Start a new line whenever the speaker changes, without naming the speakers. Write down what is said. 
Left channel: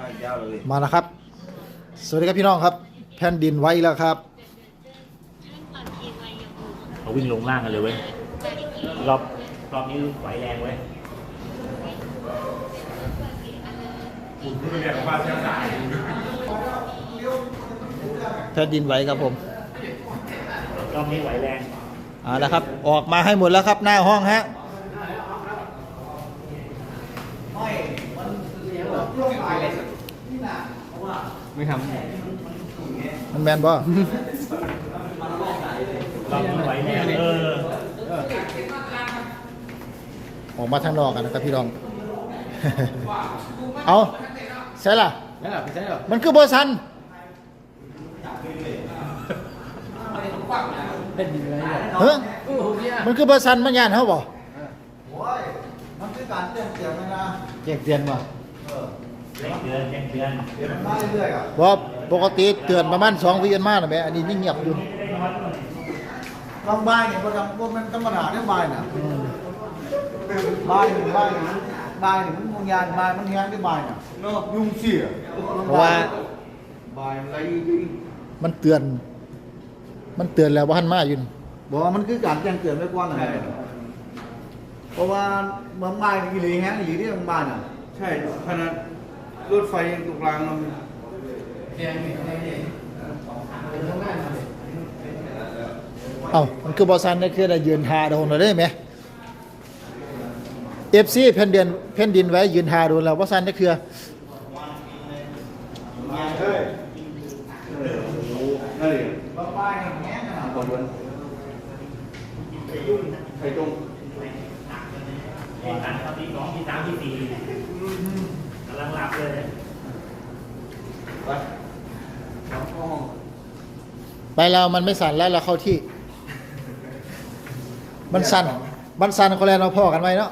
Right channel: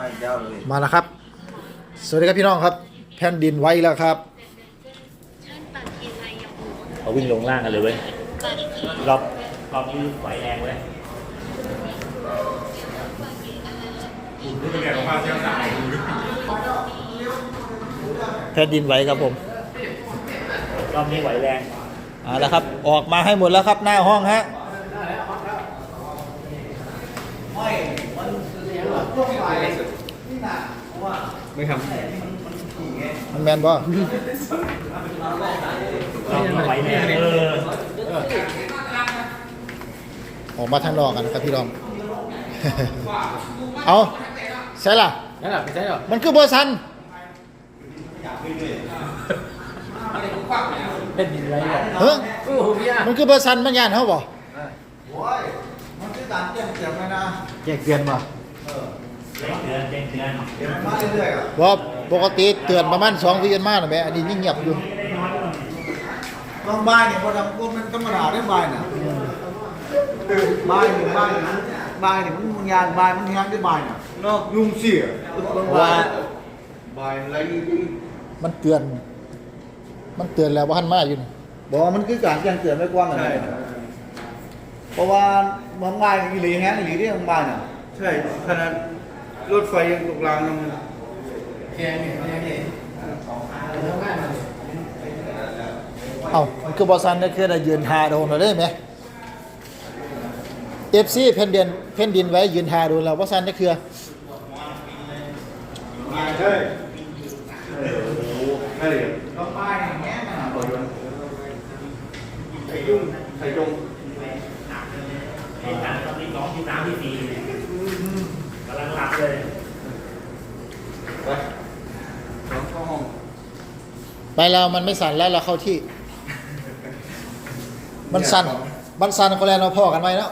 ไปยาวเลย
มาแล้วครับ สวัสดีครับพี่น้องครับ แผ่นดินไหวแล้วครับ
เขาวิ่งลงล่างกันเลยเว้ย รอบรอบนี้ไหวแรงเว้ย
คุณรู้เป็นเรื่องของบ้านเชียงสาย
แผ่นดินไหวครับผม
รอบนี้ไหวแรง
เอาละครับ ออกมาให้หมดแล้วครับหน้าห้องฮะ
ไม่ท
มันแมนบ่
รอบนี้ไหวแรงเออ
ออกมาทางนอกกันนะครับพี่น้อง เอาใช่ล่ะำ
นั่นแหละพี่ใช่หรอ
มันคือเบอร์ซัน
เป็นดินไรหรอ
เฮ้ย
โอ้โหพี่อะ
มันคือเบอร์ซันมันยานเขาบ่
โอ้ยมันคือการแจ้งเตือนไว้นะแจ้งเตือนมา
เดื อนเป็นเดือน
เตือนมาเรื่อยๆอะ
บ่ปกติเตือนประมาณสองวินมาน่ะแหม่อันนี้ยิ่งเงียบอยู่
บางบ้านเนี่ยพอทำพวกมันธรรมดาได้บ้านน่ะบ้านนี่บ้านนี่มันบ้านเนี่ยมันมุนยานบ้านมันยานได้บ้านน่ะเนาะยุงเสียบางบ้าบ้านอะไร
มันเตือน มันเตือนแล้วว่าหันมาอยู่นี่
บอกว่ามันคือการแจ้งเตือนไว้ก่อนน่ะเพราะว่าบางบ้านอีหลีแฮงอีหลีที่บางบ้านน่ะ
ใช่ขนาด รถไฟยังตกรางมัน
เอ้ามันคือบอซันได้คือได้ยืนหาโดนเราได้ไหมเอฟซีเพนเดินเพนดินไว้ยืนหาโดนเราบอซันได้คือ
ใช่นั่นเลย
บางบ้านอย่างเงี้ยน่ะ
ต่อยนไอ้จุ้งไอ้จง
เหตุการณ์ครั้งที่สองที่สามที่สี่เนี่ยกำลังหลับ เลย
ไปน้องเข้าห้อง
ไปแล้วมันไม่สั่นแล้วเราเข้าที่ มันสั่น มันสั่นก็แล้วเราพ่อกันไว้แล้ว